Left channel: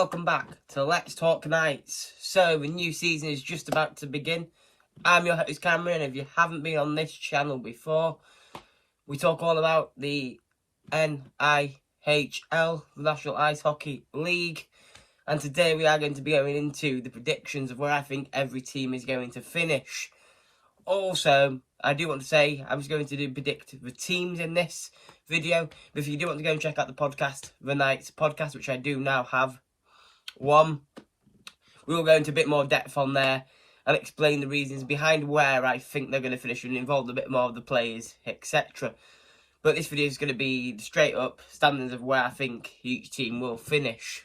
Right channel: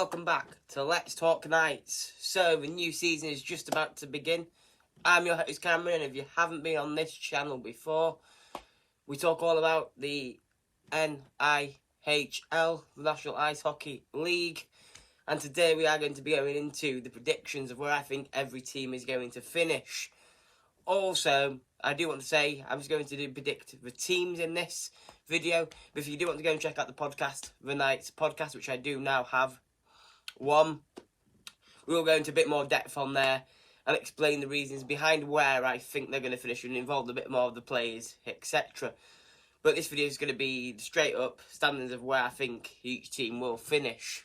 Welcome back to Let's Talk Knights. So, the new season is just about to begin. I'm your host Cameron, and if you haven't been on this channel before, we talk all about the NIHL, the National Ice Hockey League. And today we are going to be going into the predictions of where I think every team is going to finish. Also, I do want to say, I'm just going to predict the teams in this video. But if you do want to go and check out the podcast, the Knights podcast, which I do now have one, we'll go into a bit more depth on there and explain the reasons behind where I think they're going to finish and involve a bit more of the players, etc. But this video is going to be straight up standards of where I think each team will finish.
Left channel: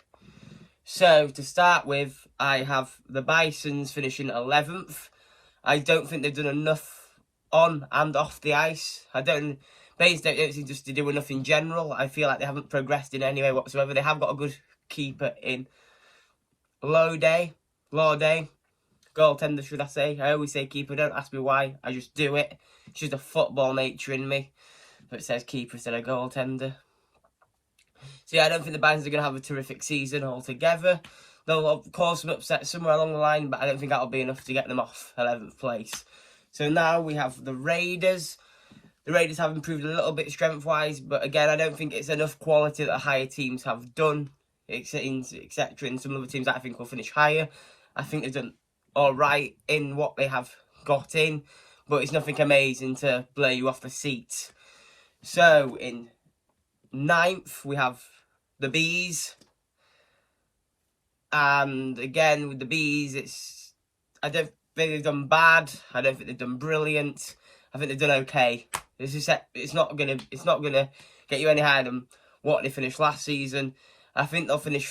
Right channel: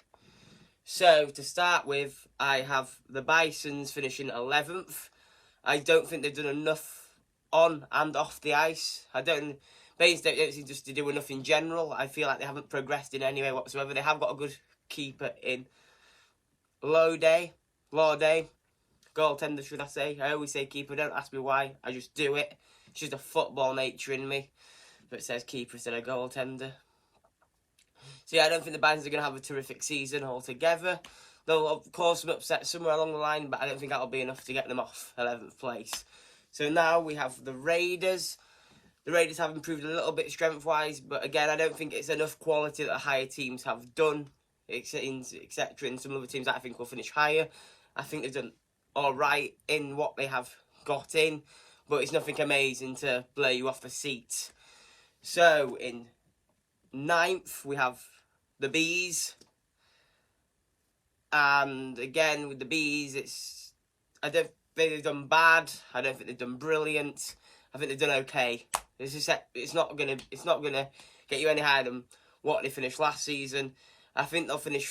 So, to start with, I have the Bisons finishing 11th. I don't think they've done enough on and off the ice. They don't seem just to do enough in general. I feel like they haven't progressed in any way whatsoever. They have got a good keeper in Lawday, goaltender should I say. I always say keeper, don't ask me why, I just do it. It's just a football nature in me. But it says keeper instead of goaltender. So yeah, I don't think the Bisons are going to have a terrific season altogether. They'll cause some upset somewhere along the line, but I don't think that'll be enough to get them off 11th place. So now we have the Raiders. The Raiders have improved a little bit strength-wise, but again, I don't think it's enough quality that higher teams have done, etc. And some other teams that I think will finish higher. I think they've done all right in what they have got in, but it's nothing amazing to blow you off the seat. So in 9th, we have the Bees. And again, with the Bees, I don't think they've done bad. I don't think they've done brilliant. I think they've done okay. It's not gonna get you any higher than what they finished last season. I think they'll finish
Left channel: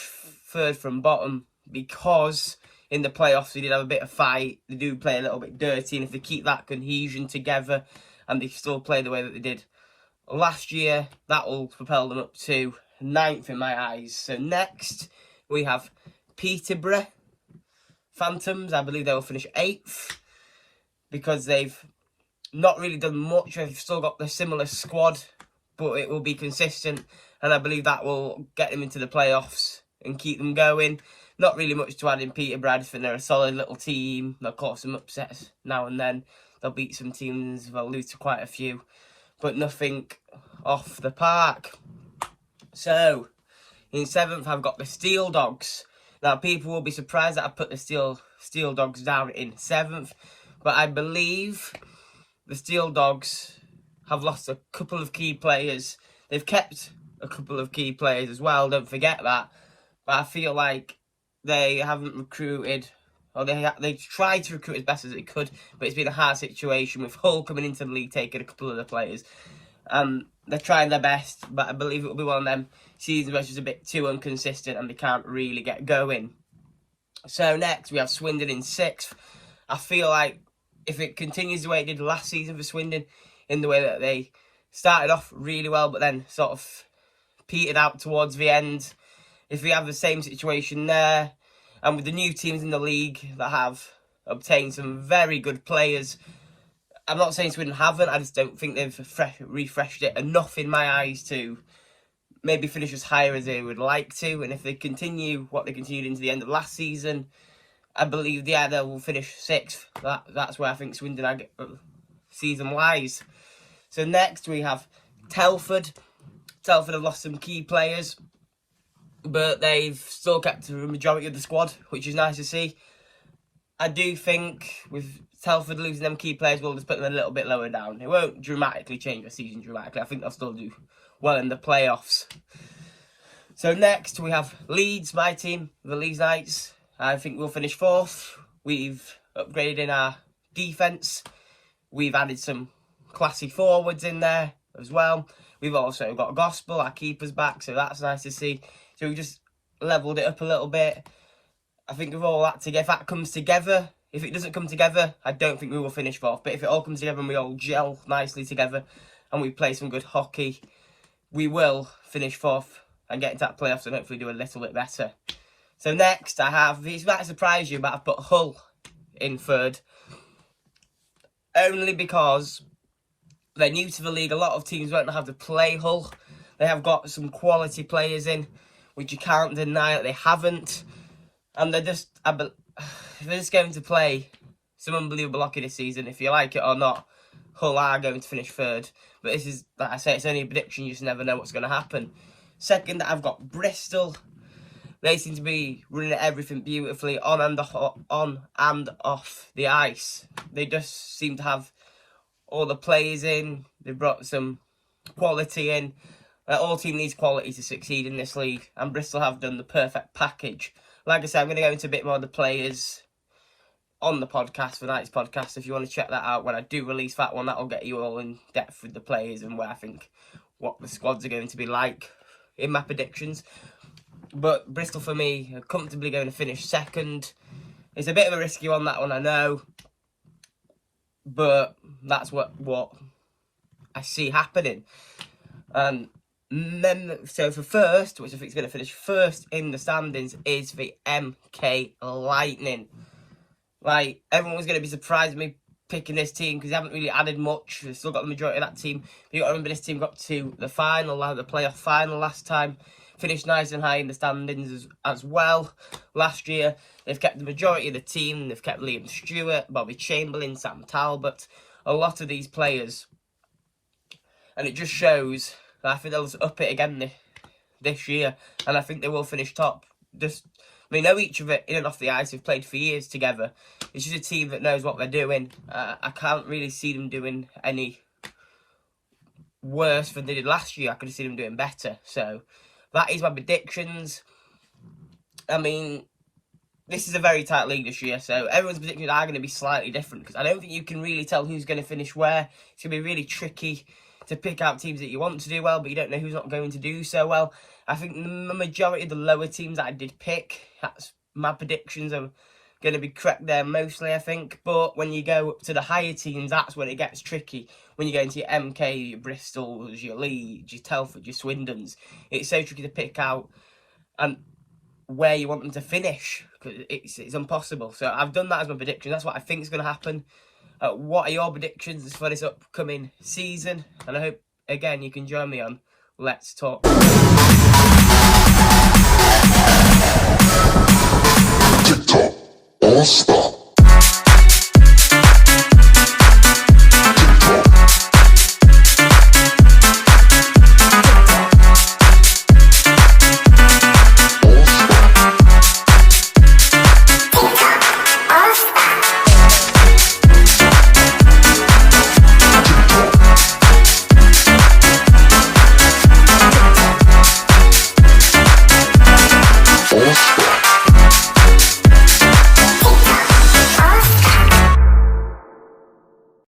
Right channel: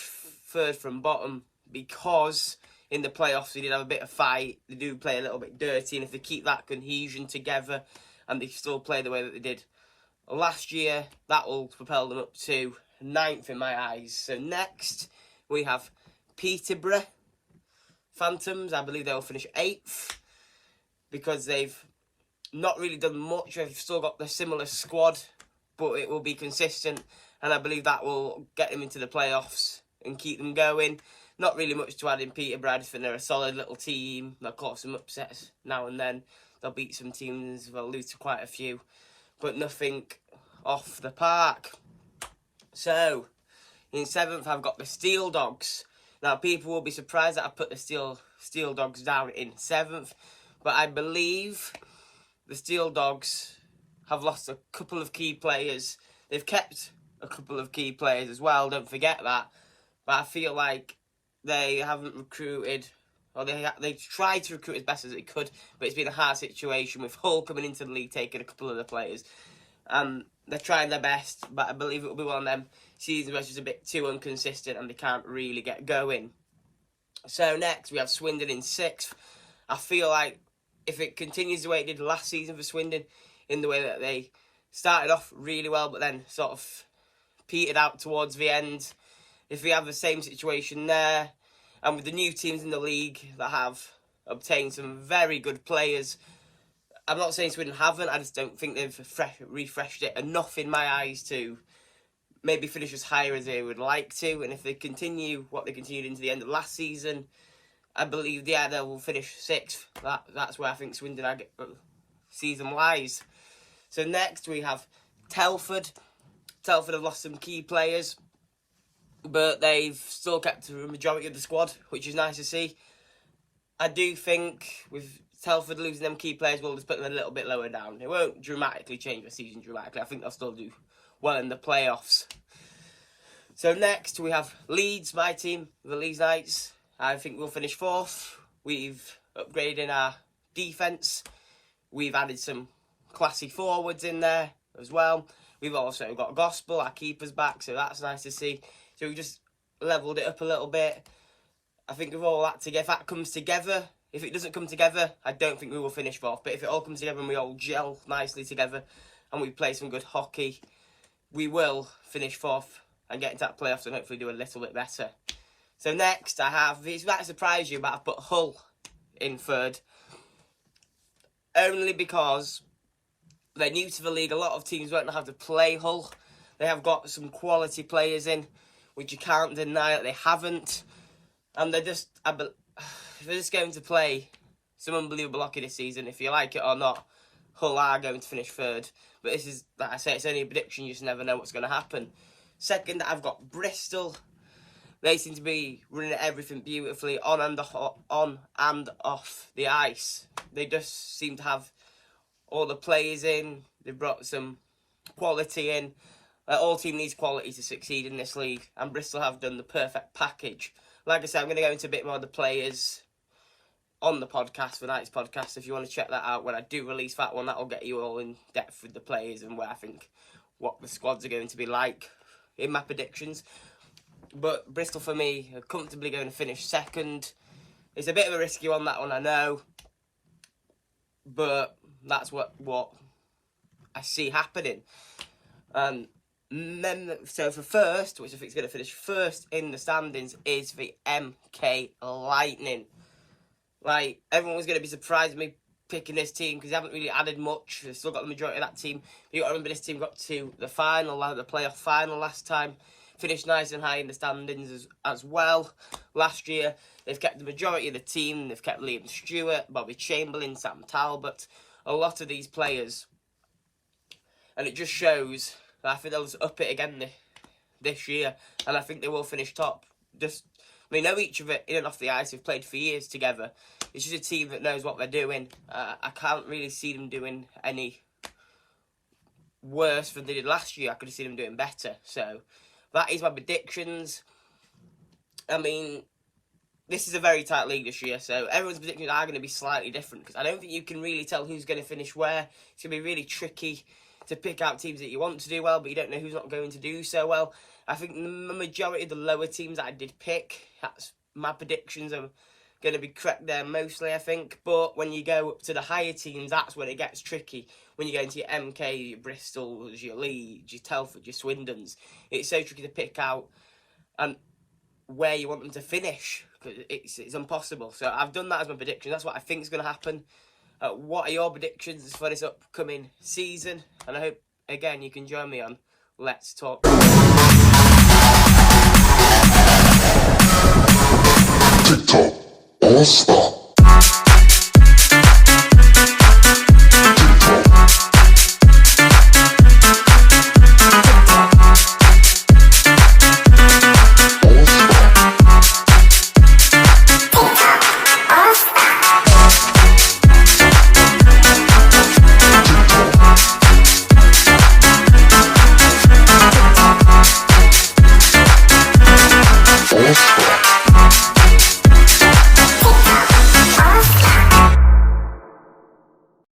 third from bottom because in the playoffs they did have a bit of fight. They do play a little bit dirty, and if they keep that cohesion together and they still play the way that they did last year, that will propel them up to 9th in my eyes. So next we have Peterborough Phantoms. I believe they will finish 8th because they've not really done much. They've still got the similar squad, but it will be consistent, and I believe that will get them into the playoffs and keep them going. Not really much to add in Peterborough. I just think they're a solid little team. They'll cause some upsets now and then. They'll beat some teams. They'll lose to quite a few, but nothing off the park. So, in 7th, I've got the Steel Dogs. Now, people will be surprised that I put the Steel Dogs down in 7th, but I believe the Steel Dogs have lost a couple of key players. They've kept a couple of key players as well, don't forget that. But I feel like they haven't recruited, or they tried to recruit as best as they could, but it's been a hard situation with Hull coming into the league, taking a couple of the players. They're trying their best, but I believe it will be one of them seasons where it's just a bit too inconsistent and they can't really get going. So next we have Swindon in 6th. I feel like if it continues the way it did last season for Swindon, in the way that they started off really well but then sort of petered out towards the end, if we have the same situation there, and with the new teams in the league that have obtained some very good players, I'm not saying Swindon haven't, I just don't think they've refreshed it enough in my eyes to maybe finish as higher as they would like to. And if they continue what they continued into the end of last season, I believe, yeah, they will finish 6th. That's where I think Swindon season lies. So next we have Telford. Telford have lost some key players, but they've still kept the majority of the squad, which is nice to see. I do think with Telford losing them key players, we'll just put them a little bit lower down. It won't dramatically change the season dramatically. I think they'll still do well in the playoffs. So next we have Leeds, my team, the Leeds Knights. I think we'll finish 4th. We've upgraded in our defence. We've added some classy forwards in there as well. We've also got Gospel, our keeper's back, so that's nice to see. So we've just levelled it up a little bit. I think with all that together, if that comes together, if it doesn't come together, I don't think we will finish 4th. But if it all comes together and we all gel nicely together and we play some good hockey, we will finish 4th and get into that playoffs and hopefully do a little bit better. So next I have, this might surprise you, but I've put Hull in 3rd. Only because they're new to the league. A lot of teams won't know how to play Hull. They have got some quality players in. which you can't deny that they haven't. And they're just going to play some unbelievable hockey this season. If you like it or not, Hull are going to finish third. But this is, like I say, it's only a prediction. You just never know what's going to happen. Second, I've got Bristol. They seem to be running everything beautifully on and off the ice. They just seem to have all the players in. They've brought some quality in. All team needs quality to succeed in this league, and Bristol have done the perfect package. Like I said, I'm going to go into a bit more of the players on the podcast, for tonight's podcast. If you want to check that out when I do release that one, that'll get you all in depth with the players and where I think what the squads are going to be like in my predictions. But Bristol, for me, are comfortably going to finish second. It's a bit of a risky one, that one, I know. But that's what I see happening. And then, so for first, which I think is going to finish first in the standings, is the MK Lightning. Like, everyone's going to be surprised at me picking this team because they haven't really added much. They've still got the majority of that team. But you got to remember, this team got to the final, the playoff final last time. Finished nice and high in the standings as well last year. They've kept the majority of the team. They've kept Liam Stewart, Bobby Chamberlain, Sam Talbot, a lot of these players. And it just shows that I think they'll up it again this year. And I think they will finish top. They know each of it in and off the ice. They've played for years together. It's just a team that knows what they're doing. I can't really see them doing any worse than they did last year. I could have seen them doing better. So that is my predictions. I mean, this is a very tight league this year, so everyone's predictions are going to be slightly different, because I don't think you can really tell who's going to finish where. It's going to be really tricky to pick out teams that you want to do well, but you don't know who's not going to do so well. I think the majority of the lower teams that I did pick, that's my predictions are going to be correct there mostly, I think. But when you go up to the higher teams, that's when it gets tricky. When you go into your MK, your Bristols, your Leeds, your Telford, your Swindons, it's so tricky to pick out and where you want them to finish, because it's impossible. So I've done that as my prediction. That's what I think is going to happen. What are your predictions for this upcoming season? And I hope, again, you can join me on Let's Talk. TikTok, all stop.